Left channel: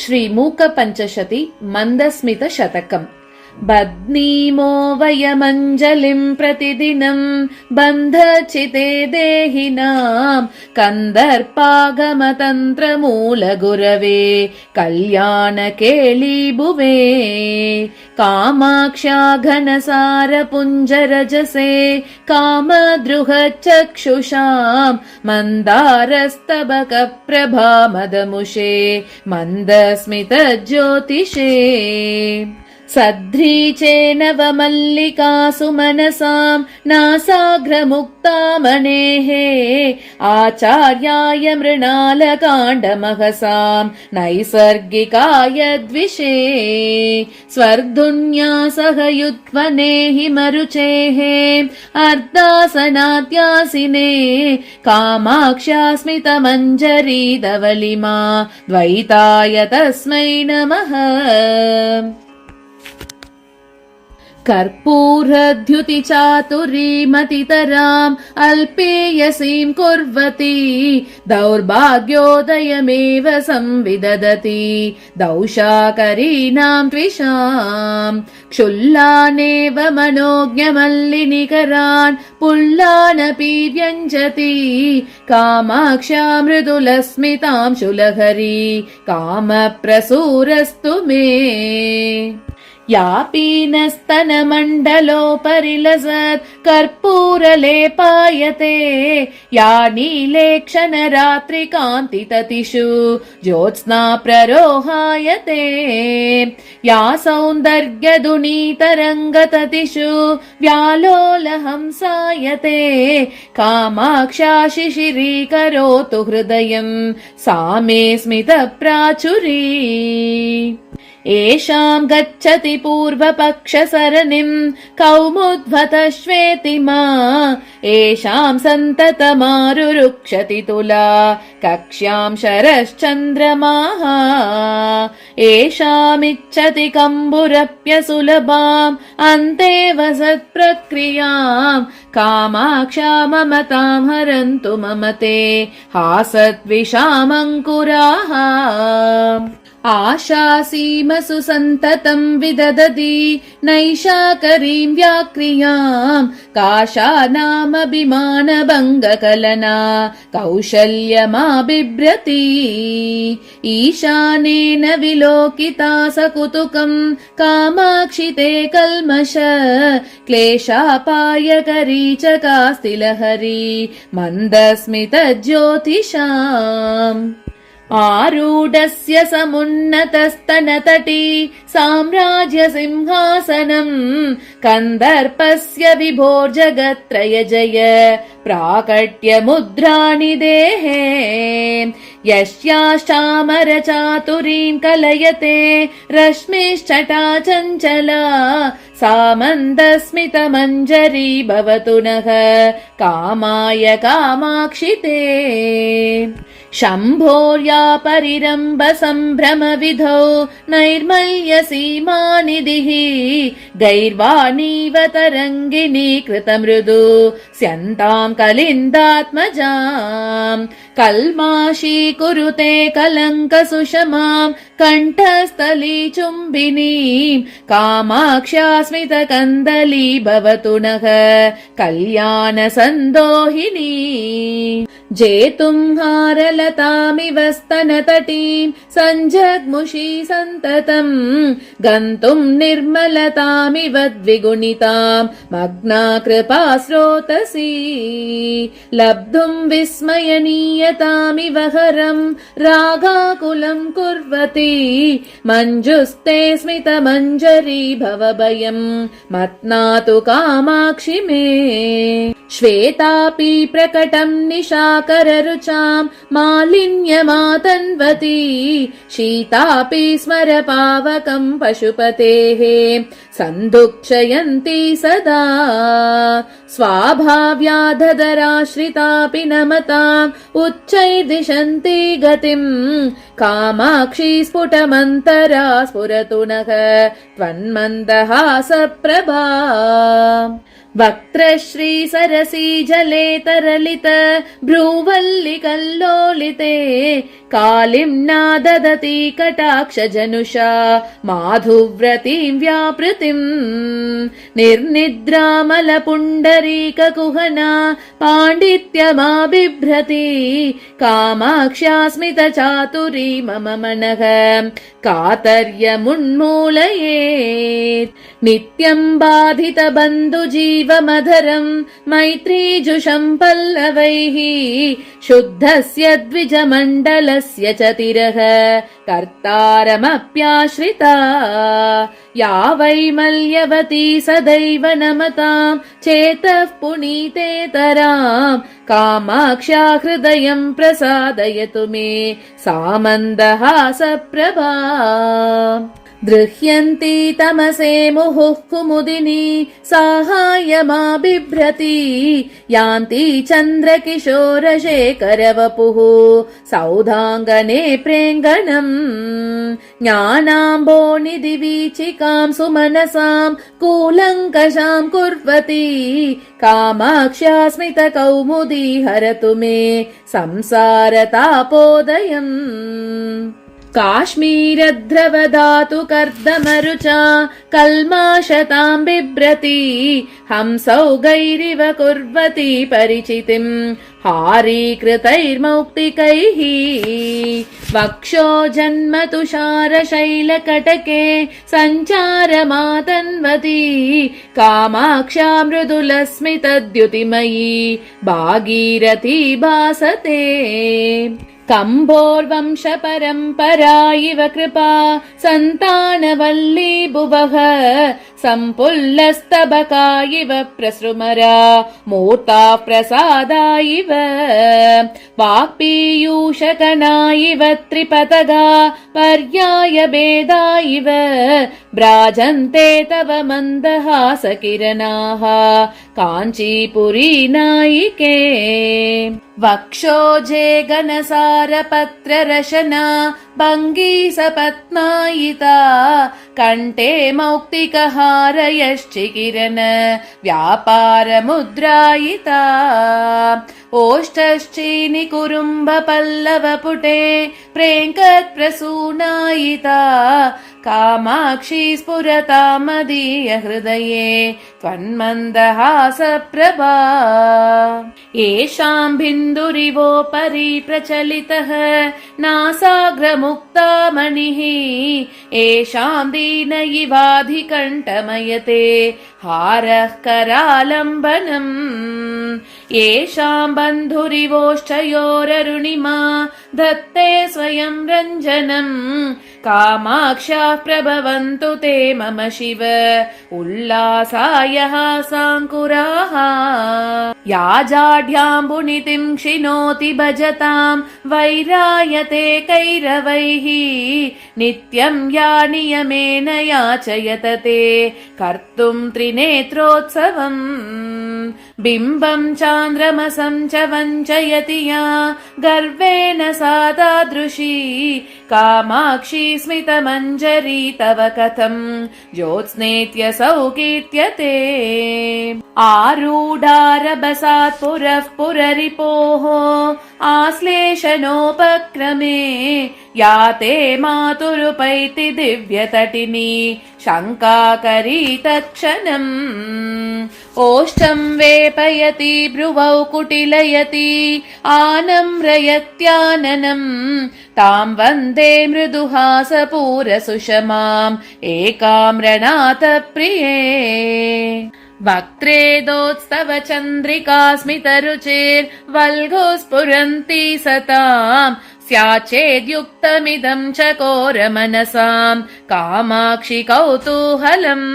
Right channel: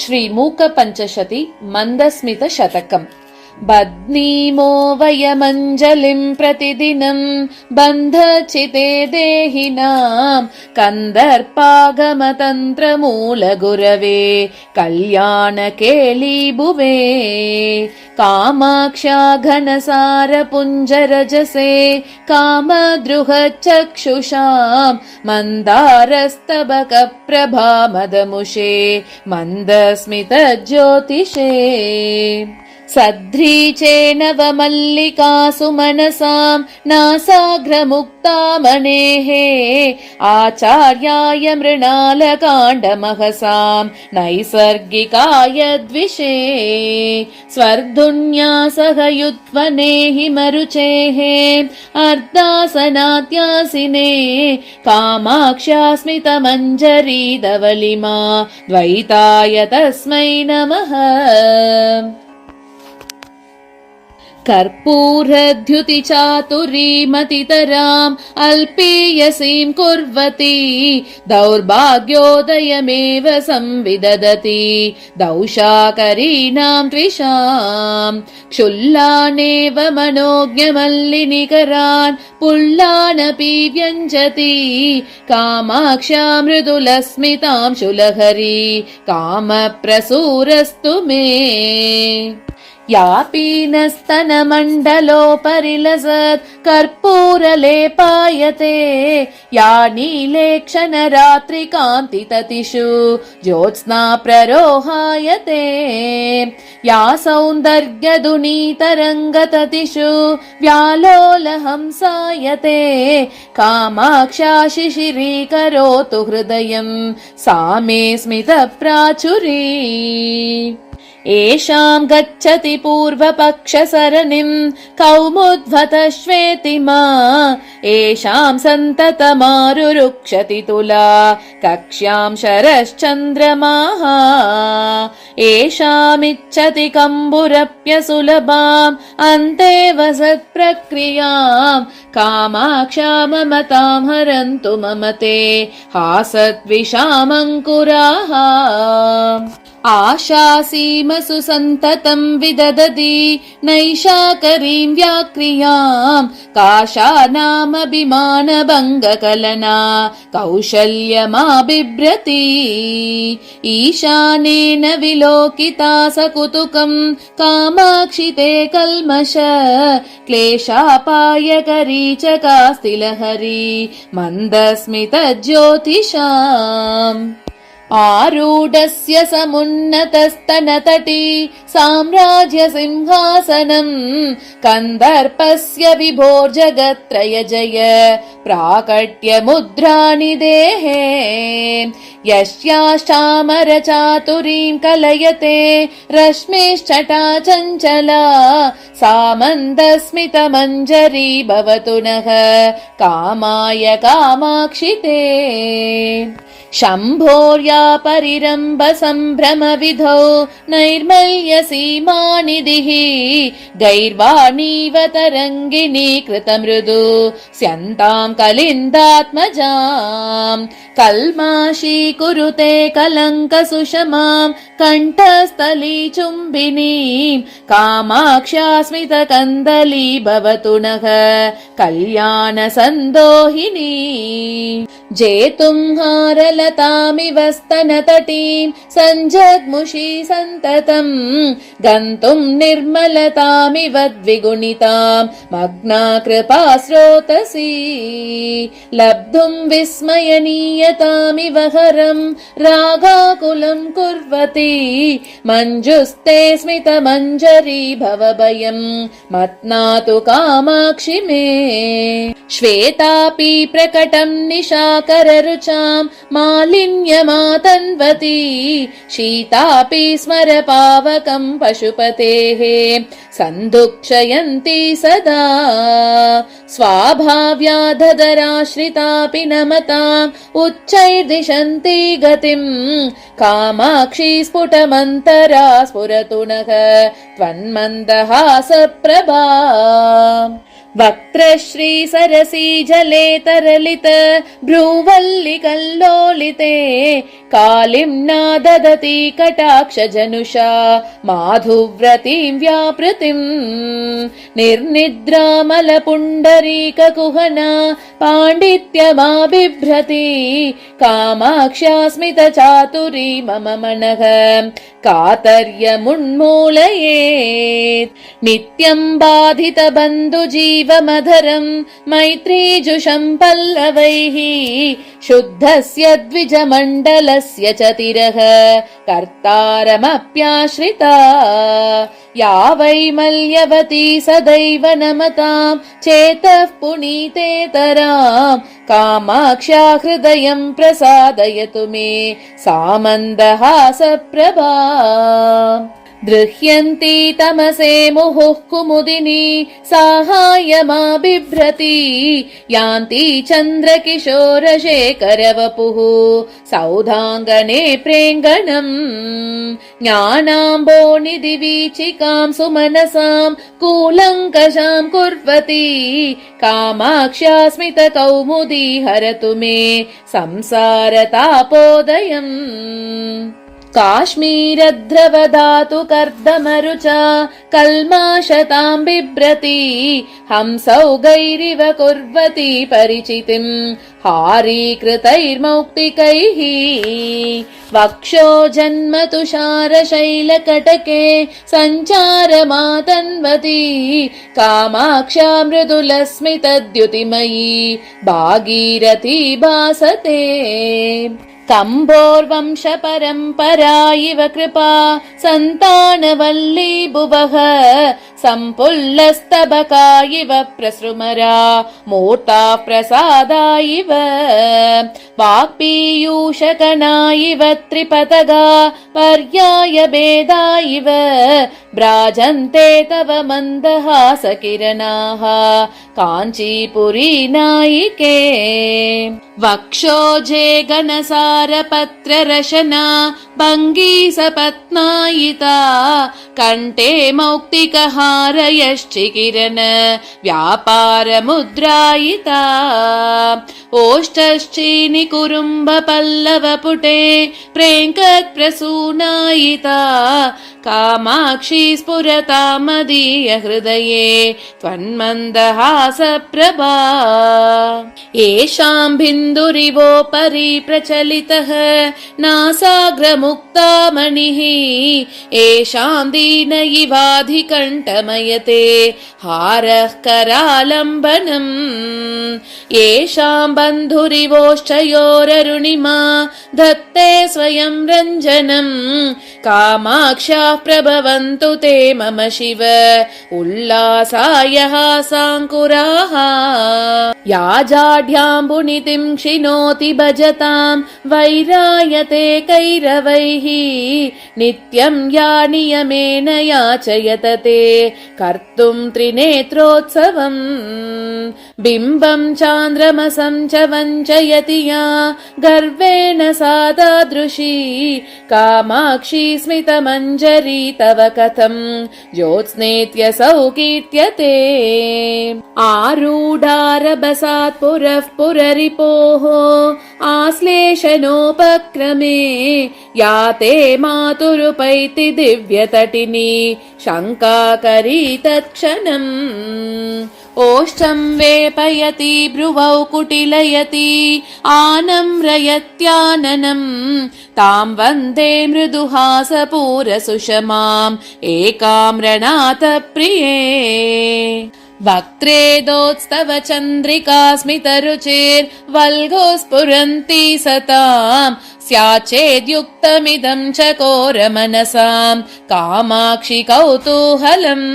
श्रीमूकपञ्चशती मन्दस्मितशतकम्। बध्नीमो वयमञ्जलिम् प्रतिदिनम् बन्धचिते देहिनाम् कन्दर्पागमतन्त्रमूलगुरवे कल्याणकेलीभुवे कामाक्ष्या घनसारपुञ्जरजसे कामद्रुहचक्षुषाम् मन्दारस्तबकप्रभामदमुषे मन्दस्मितज्योतिषे सध्रीचे नवमल्लिकासु मनसाम् नासाग्रमुक्तामणेः आचार्याय मृणालकाण्डमहसाम् नैसर्गिकाय द्विषे स्वर्धुन्यासहयुत्वने हिमरुचेः अर्धासनात्यासिने कामाक्ष्यास्मितमञ्जरीधवलिमा द्वैताय तस्मै नमः। कर्पूरद्युतिचातुरीमतितराम् अल्पीयसीम् कुर्वती दौर्भाग्योदयमेव संविदधति दौशाकरीणाम् त्विषाम् क्षुल्लानेव मनोज्ञमल्लिनिकरान् पुल्लानपि व्यञ्जति कामाक्ष्या मृदुलस्मिताम् शुलहरी कामप्रसूरस्तु मे। यापीनस्तनमण्डलोपरिलसत् कर्पूरलेपायते या नीलेक्षणरात्रिकान्तिततिषु ज्योत्स्ना प्ररोहायते या सौन्दर्यदुनीतरङ्गततिषु व्यालोलहंसायते कामाक्ष्या शिशिरीकरोतु हृदयम् सा मे स्मितप्राचुरी। येषाम् गच्छति पूर्वपक्षसरणिम् कौमुद्भतश्वेतिमा येषाम् सन्ततमारुरुक्षति तुला कक्ष्याम् शरश्चन्द्रमाः येषामिच्छति कम्बुरप्यसुलभाम् अन्ते वसत्प्रक्रियाम् कामाक्ष्या ममताम् हरन्तु ममते हासद्विषामङ्कुराः। आशासीमसु सन्ततम् विदधति नैशाकरीम् व्याक्रियाम् काशानामभिमानभङ्गकलना कौशल्यमाबिभ्रति ईशानेन विलोकिता सकुतुकम् कामाक्षि ते कल्मष क्लेशापायकरी च कास्तिलहरी मन्दस्मितज्योतिषाम्। आरूढस्य समुन्नतस्तनतटी साम्राज्यसिंहासनम् कन्दर्पस्य विभोर्जगत्त्रयजय प्राकट्यमुद्रानिदेहे यस्याश्चामरचातुरीम् कलयते रश्मिश्चटा चञ्चला सा मन्दस्मितमञ्जरी भवतु नः कामाय कामाक्षि ते। शम्भोर्या परिरम्भ सम्भ्रमविधौ नैर्मल्यसीमानिधिः गैर्वाणीव तरङ्गिनी कृतमृदु स्यन्ताम् कलिन्दात्मजाम् कल्माशीकुरुते कलङ्कसुषमाम् कण्ठस्थली चुम्बिनीम् कामाक्ष्या स्मितकन्दली भवतु नः कल्याणसन्दोहिनी। जेतुम्हारलतामिव स्तनतटीम् सञ्जग्मुषी सन्ततम् गन्तुम् निर्मलतामिव द्विगुणिताम् मग्ना कृपा स्रोतसी लब्धुम् विस्मयनीयतामिव हरम् रागाकुलम् कुर्वती मञ्जुस्ते स्मितमञ्जरी भवभयम् मत्नातु कामाक्षि मे। श्वेतापि प्रकटम् निशाकररुचाम् मालिन्यमातन्वती शीतापि स्मरपावकम् पशुपतेः सन्दुक्षयन्ती सदा स्वाभाव्याधदराश्रितापि नमताम् उच्चैर्दिशन्ती गतिम् कामाक्षी स्फुटमन्तरा स्फुरतु नः त्वन्मन्दहासप्रभा। वक्त्रश्री सरसी जले तरलित भ्रूवल्लिकल्लोलिते कालिम्ना ददति कटाक्षजनुषा माधुव्रतीं व्यापृतिम् निर्निद्रामलपुण्डरीककुहना पाण्डित्यमाबिभ्रति कामाक्ष्यास्मितचातुरी मम मनः कातर्यमुन्मूलयेत् नित्यं बाधितबन्धुजीवमधरं मैत्रीजुषं पल्लवैः शुद्धस्य द्विजमण्डलस्य च तिरः कर्तारमप्याश्रिता या वै मल्यवती सदैव नमतां चेतः पुनीतेतरां कामाक्ष्या हृदयं प्रसादयतु मे सा मन्दहासप्रभा दृह्यन्ती तमसे मुहुः कुमुदिनी साहाय्यमाबिभ्रति यान्ति चन्द्रकिशोरशेखरवपुः सौधाङ्गने प्रेङ्गणम् ज्ञानाम्बोनिधिवीचिकां सुमनसां कूलङ्कषां कुर्वती कामाक्ष्या स्मितकौमुदी हरतु मे संसारतापोदयम् काश्मीरध्रवधातु कर्दमरुचा कल्माशतां बिभ्रति हंसौगैरिव कुर्वती परिचितिं हारीकृतैर्मौक्तिकैः वक्षो जन्मतुषारशैलकटके सञ्चारमातन्वती कामाक्षा मृदुलस्मितद्युतिमयी भागीरथी भासते कम्भोर्वंशपरम्परा इव कृपा सन्तानवल्ली भुवः सम्पुल्लस्तबका इव प्रसृमरा मूर्ता प्रसादा इव वाक्पीयूषकना इव त्रिपतगा पर्याय भेदा इव भ्राजन्ते तव मन्दहासकिरणाः काञ्चीपुरी नायिके वक्षोजे घनसारपत्ररशना भङ्गी सपत्नायिता कण्ठे मौक्तिकहारयश्चिकिरण व्यापारमुद्रायिता ओष्ठश्चीनिकुरुम्बपल्लवपुटे प्रेङ्कत्प्रसूनायिता कामाक्षी स्फुरता मदीय हृदये त्वन्मन्दहासप्रभा येषां बिन्दुरिवोपरि प्रचलितः नासाग्रमुक्ता मणिः येषां दीन इवाधिकण्ठमयते हारः करालम्बनम् येषां बन्धुरिवोश्चयोररुणिमा धत्ते स्वयं रञ्जनम् कामाक्षा प्रभवन्तु ते मम शिव उल्लासाय हासाङ्कुराः या जाढ्याम्बुनितिं क्षिणोति भजतां वैरायते कैरवैः नित्यं या नियमेन याचयत ते कर्तुं त्रिनेत्रोत्सवम् बिम्बं चान्द्रमसं च वञ्चयति या गर्वेण सा तादृशी कामाक्षी स्मितमञ्जरी तव कथं ज्योत्स्नेत्यसौ कीर्त्यते आरूढारभसात् पुरः पुररिपोः आश्लेषणोपक्रमे याते मातुरुपैति दिव्यतटिनी शङ्काकरी तत्क्षणम् ओष्ठं वेपयति भ्रुवौ कुटिलयति आनम्रयत्याननम् तां वन्दे मृदुहासपूरसुषमाम् एकाम्रनाथप्रिये वक्त्रेदोत्स्तव चन्द्रिका स्मितरुचिर्वल्गो स्फुरन्ति सताम् स्याच्चेद्युक्तमिदं चकोरमनसां कामाक्षि कौतूहलम्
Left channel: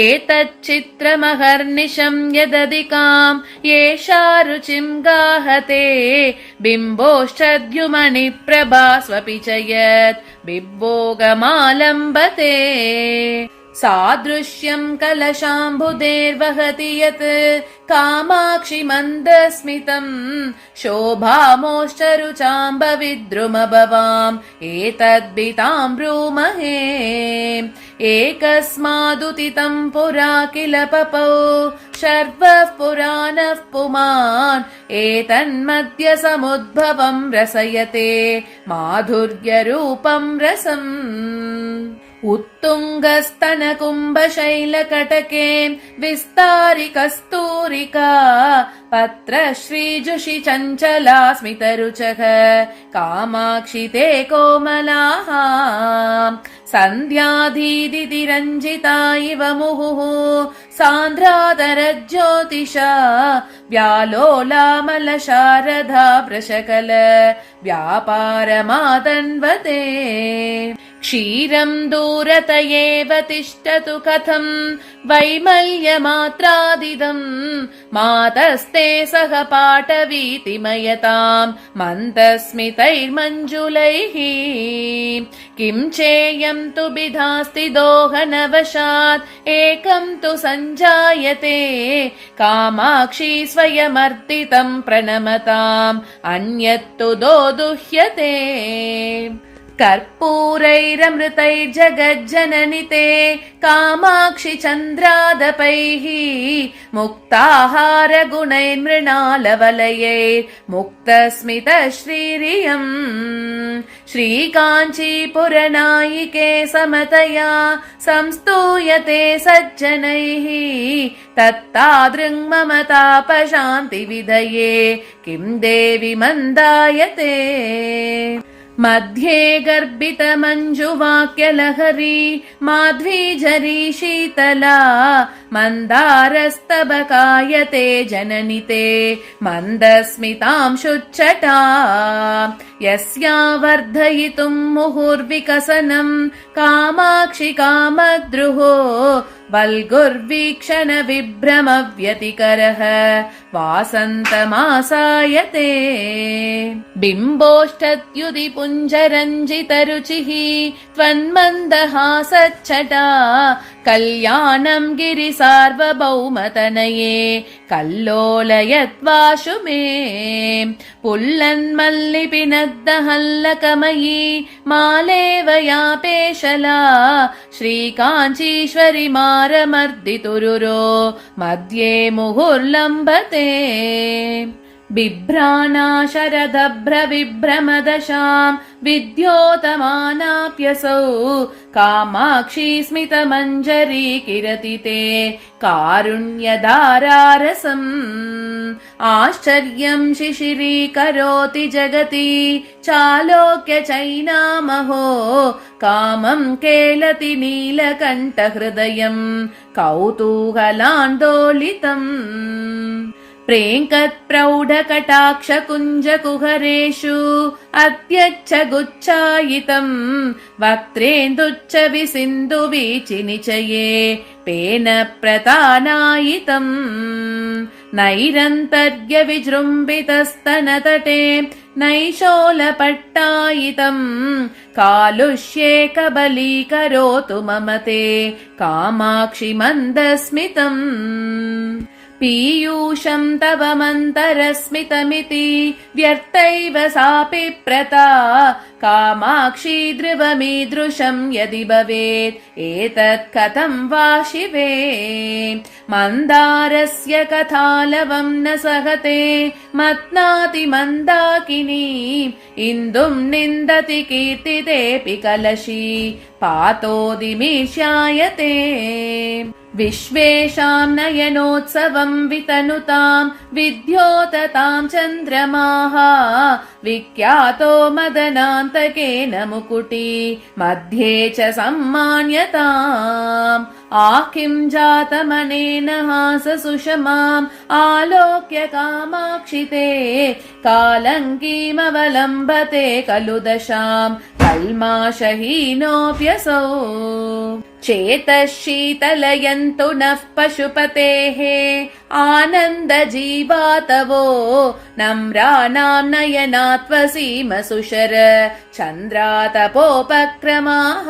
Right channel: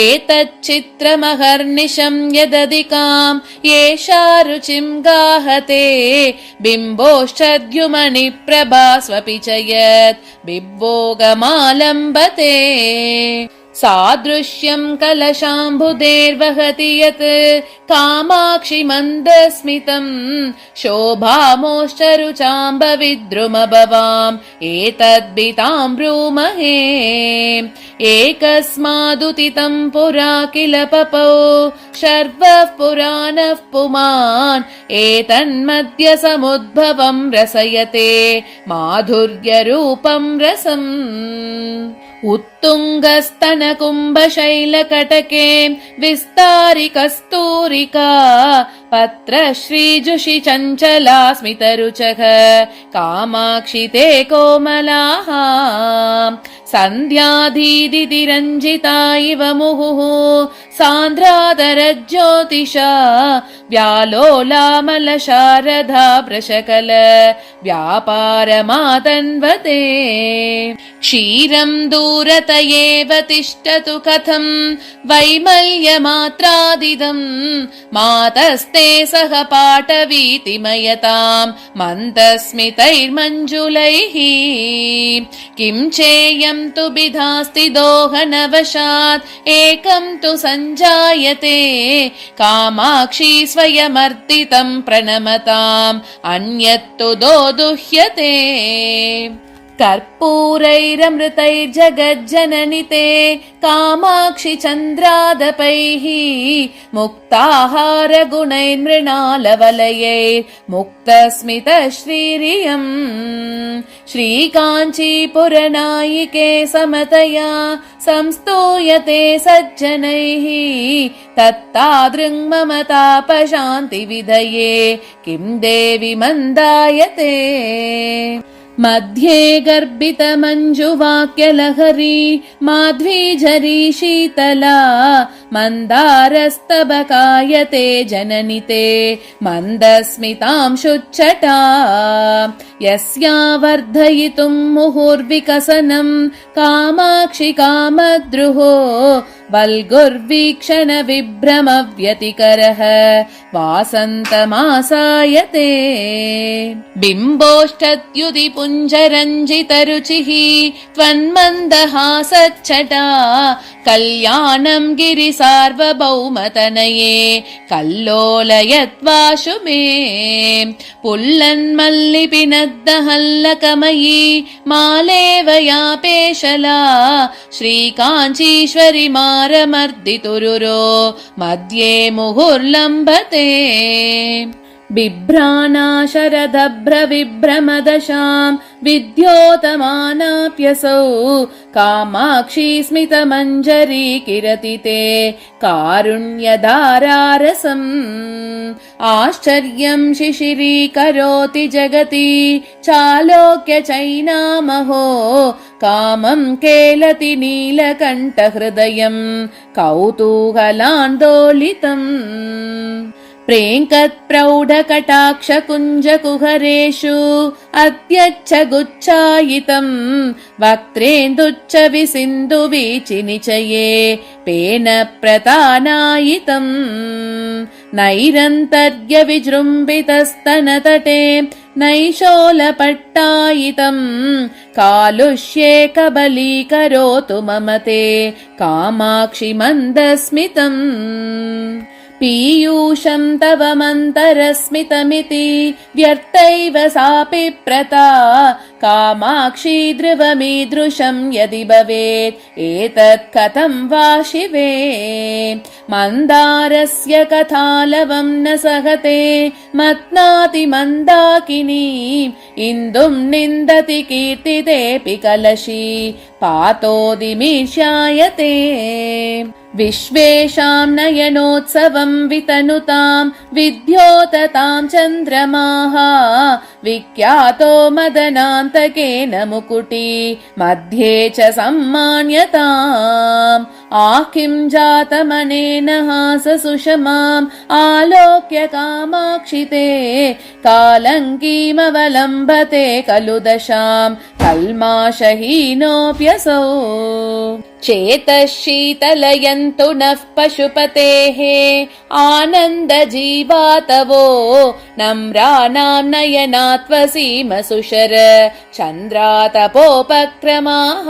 एतच्चित्रमहर्निशं यदधिकां येषा रुचिं गाहते बिम्बोश्चद्युमणिप्रभा स्वपि च यत् बिम्बोगमालम्बते सादृश्यं कलशाम्बुदेर्वहति यत् कामाक्षि मन्दस्मितं शोभामोश्चरुचाम्बविद्रुमभवाम् एतद्भितां ब्रूमहे। एकस्मादुदितं पुरा किल पपौ शर्वः पुराणः पुमान् एतन्मद्य समुद्भवं रसयते माधुर्यरूपं रसम्। उत्तुङ्गस्तनकुम्भशैलकटके विस्तारि कस्तूरिका पत्रश्रीजुषि चञ्चला स्मितरुचः कामाक्षि ते कोमलाः। सन्ध्याधीदितिरञ्जिता इव मुहुः सान्द्रादरज्योतिषा व्यालोलामलशारदा वृषकल व्यापारमातन्वते। क्षीरं दूरत एव तिष्ठतु कथं वैमल्यमात्रादिदं मातस्ते सह पाटवीतिमयतां मन्दस्मितैर्मञ्जुलैः। किं चेयं तु बिधास्ति दोहनवशात् एकं तु सञ्जायते कामाक्षी स्वयमर्दितं प्रणमताम् अन्यत्तु दोदुह्यते। कर्पूरैरमृतैर्जगज्जननि ते कामाक्षि चन्द्रादपैः मुक्ताहारगुणैर्मृणालवलयैर्मुक्तस्मितश्रीरियम्। श्रीकाञ्चीपुरनायिके समतया संस्तूयते सज्जनैः तत्तादृङ्ममतापशान्तिविधये किं देवि मन्दायते। मध्ये गर्भितमञ्जुवाक्यलहरी माध्वीझरी शीतला मन्दारस्तबकायते जननि ते मन्दस्मितांशुच्छटा। यस्या वर्धयितुं मुहुर्विकसनं कामाक्षि कामद्रुहो वल्गुर्वीक्षण विभ्रमव्यतिकरः वासन्तमासायते। बिम्बोष्ठद्युति पुञ्जरञ्जितरुचिः त्वन्मन्दहासच्छटा कल्याणं गिरिसार्वभौमतनये कल्लोलयत्वाशु मे। पुल्लन्मल्लिपिनद्दहल्लकमयी मालेवयापेशला श्रीकाञ्चीश्वरि मारमर्दितुरुरो मध्ये मुहुर्लम्बते। बिभ्राणा शरदभ्रविभ्रमदशां विद्योतमानाप्यसौ कामाक्षी स्मितमञ्जरी किरति ते कारुण्यधारारसम्। आश्चर्यं शिशिरीकरोति जगति चालोक्य चैनामहो कामं केलति नीलकण्ठहृदयं कौतूहलान्दोलितम्। प्रेङ्कत्प्रौढकटाक्षकुञ्जकुहरेषु अत्यच्च गुच्छायितं वक्त्रेन्दुच्च विसिन्धुवीचिनिचये पेन प्रतानायितं। नैरन्तर्यविजृम्भितस्तनतटे नैशोलपट्टायितं कालुष्ये कबलीकरोतु मम ते कामाक्षि मन्दस्मितम्। पीयूषं तव मन्तरस्मितमिति व्यर्थैव सापि प्रता कामाक्षी ध्रुवमीदृशं यदि भवेत् एतत् कथं वा शिवे। मन्दारस्य कथालवं न सहते मत्नाति मन्दाकिनी इन्दुं निन्दति कीर्तितेऽपि कलशी पातोदिमीर्ष्यायते। विश्वेषां नयनोत्सवं वितनुतां विद्योततां चन्द्रमाः विख्यातो मदनान्तकेन मुकुटी मध्ये च सम्मान्यताम्। किं जातमनेन हाससुषमाम् आलोक्य कामाक्षि ते कालङ्कीमवलम्बते खलु दशां कल्माषहीनोऽप्यसौ। चेतः शीतलयन्तु नः पशुपतेः आनन्दजीवातवो नम्राणां नयनात्वसीमसुशर चन्द्रातपोपक्रमाः।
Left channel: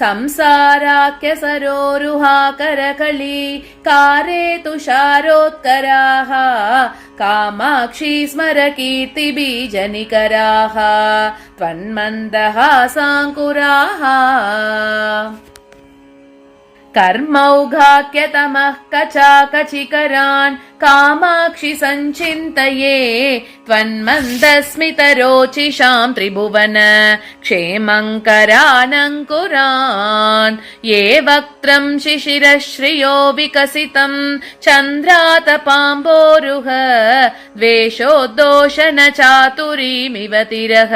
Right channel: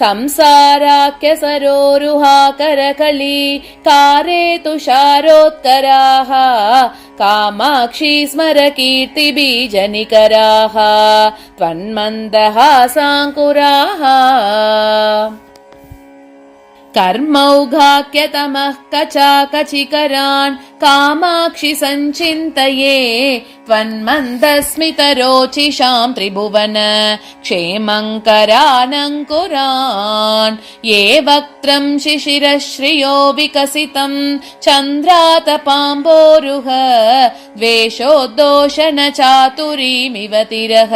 संसाराख्यसरोरुहाकरकली कारे तुषारोत्कराः कामाक्षी स्मर कीर्तिबीजनिकराः त्वन्मन्दहासाङ्कुराः कर्मौघाख्यतमः कचाकचिकरान् कामाक्षि सञ्चिन्तये त्वन्मन्दस्मितरोचिषां त्रिभुवन क्षेमङ्करानङ्कुरान् ये वक्त्रं शिशिरश्रियो विकसितं चन्द्रातपाम्बोरुह द्वेषोद्दोषन चातुरीमिव तिरः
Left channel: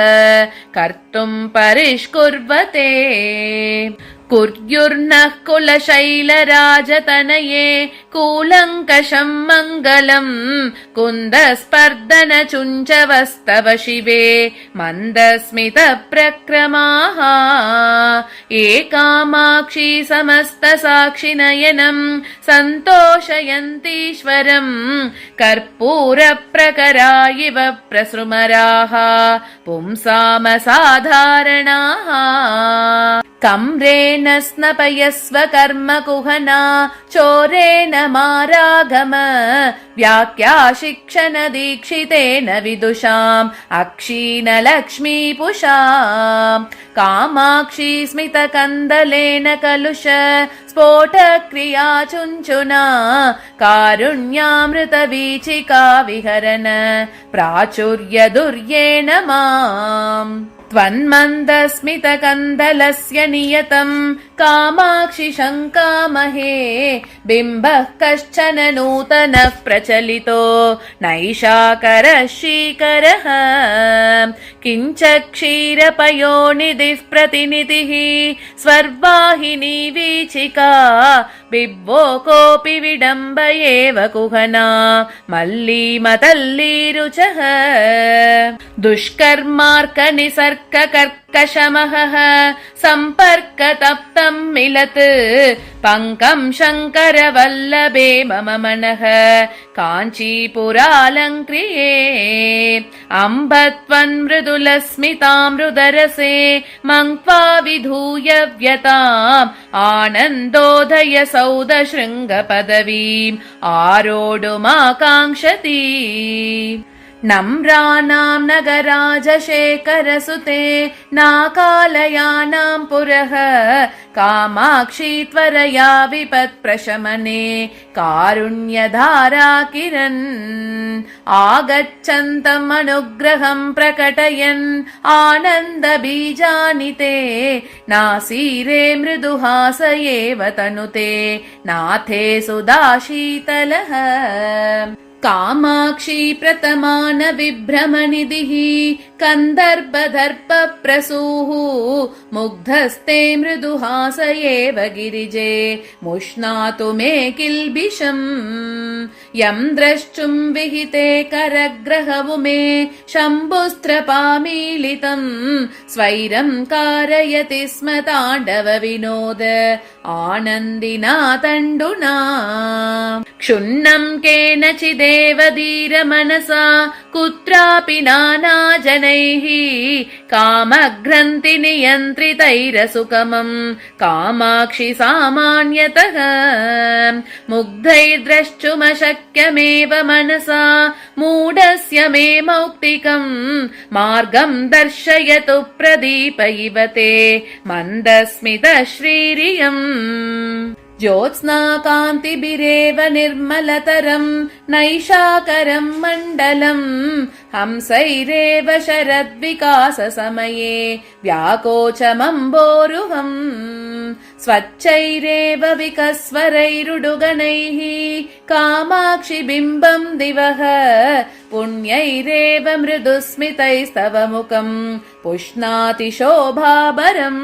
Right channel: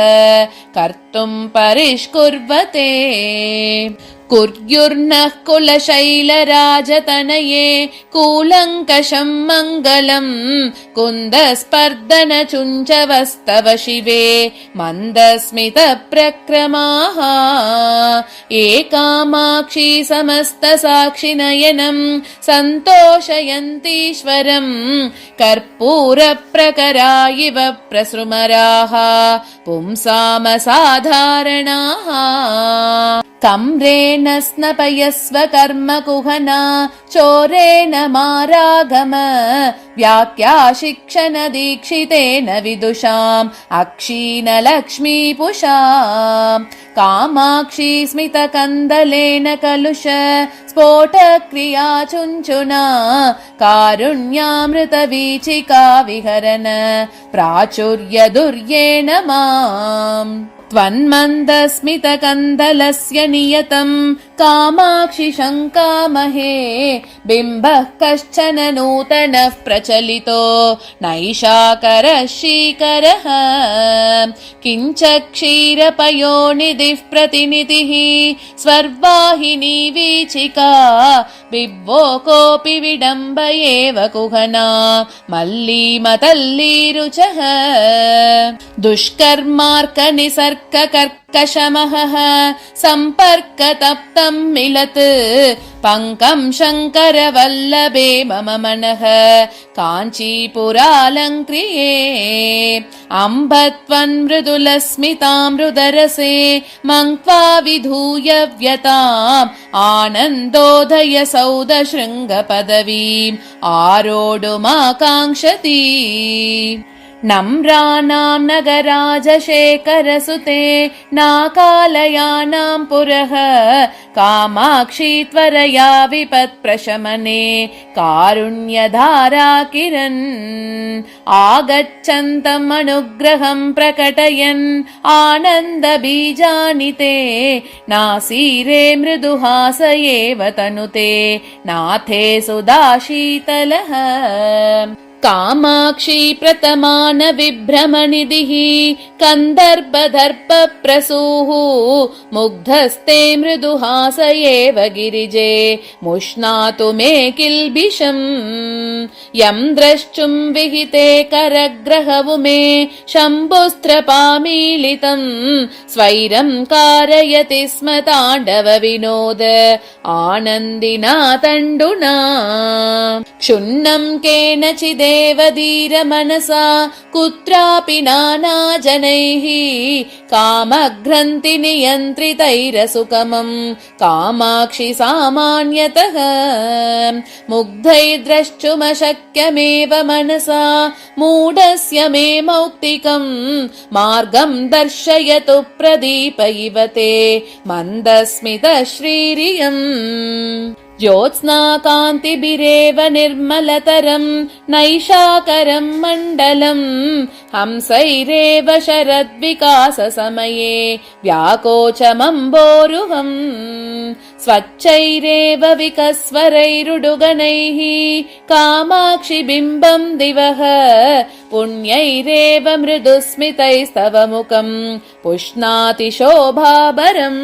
कर्तुं परिष्कुर्वते कुर्युर्नः कुलशैलराजतनये कूलङ्कषं मङ्गलम् कुन्दस्पर्दन चुञ्चवस्तव शिवे मन्दस्मितप्रक्रमाः एकामाक्षी समस्तसाक्षिनयनं सन्तोषयन्तीश्वरं कर्पूरप्रकरा इव प्रसृमराः पुंसामसाधारणाः कम्रेण स्नपयस्व कर्मकुहना चोरेण मारागम व्याख्याशिक्षण दीक्षितेन विदुषाम् अक्षीणलक्ष्मीपुषा कामाक्षी स्मितकन्दलेन कलुष स्फोटक्रिया चुञ्चुना कारुण्यामृतवीचिका विहरन प्राचुर्यदुर्येण माम् त्वन्मन्दस्मितकन्दलस्य नियतं कामाक्षि शङ्कामहे बिम्बः कश्चन नूतनः प्रचलितो नैषाकरः श्रीकरः किञ्च क्षीरपयोनिधिः प्रतिनिधिः स्वर्वाहिनी वीचिका बिभ्वो कोऽपि विडम्ब एव कुहना मल्लीमतल्लीरुचः दुष्कर्मार्कनिसर्ककर्कशमहः सम्पर्कतप्तं मिलत् पङ्कं शङ्करवल्लभे मम मनः काञ्चीपुरालङ्क्रिये अम्ब त्वन्मृदुलस्मितामृदरसे मङ्क्त्वा विधूय व्यताम् आनन्दोदय सौदशृङ्गपदवीम् आरोढुमाकाङ्क्षति नम्राणां नगराजशेखरसुते नाकालयानां पुरः कामाक्षी त्वरया विपत्प्रशमने कारुण्यधारा किरन् आगच्छन्तम् अनुग्रहं प्रकटयन् आनन्दबीजानिते नासीरे मृदुहासयेव तनुते नाथे सुधाशीतलः कामाक्षी प्रतमान विभ्रमनिधिः कन्दर्पदर्पप्रसूः मुग्धस्ते मृदुहास एव गिरिजे मुष्णातु मे किल्बिषम् यं द्रष्टुं विहिते करग्रहवुमे शम्भुस्त्रपामीलितं स्वैरं कारयति स्म ताण्डव विनोद आनन्दिना तण्डुना क्षुण्णं केनचिदेव धीरमनसा कुत्रापि नानाजनैः कामग्रन्थि नियन्त्रितैरसुकमं कामाक्षि सामान्यतः मुग्धैर्द्रष्टुमशक्यमेव मनसा मूढस्य मे मौक्तिकं मार्गं दर्शयतु प्रदीप इव ते मन्दस्मितश्रीरियम् ज्योत्स्नाकान्तिभिरेव निर्मलतरं नैषाकरं मण्डलम् हंसैरेव शरद्विकाससमये व्याकोचमम्बोरुहम् स्वच्छैरेव विकस्वरैरुडुगणैः कामाक्षि बिम्बं दिवः पुण्यैरेव मृदुस्मितैस्तव मुखं पुष्णाति शोभाभरम्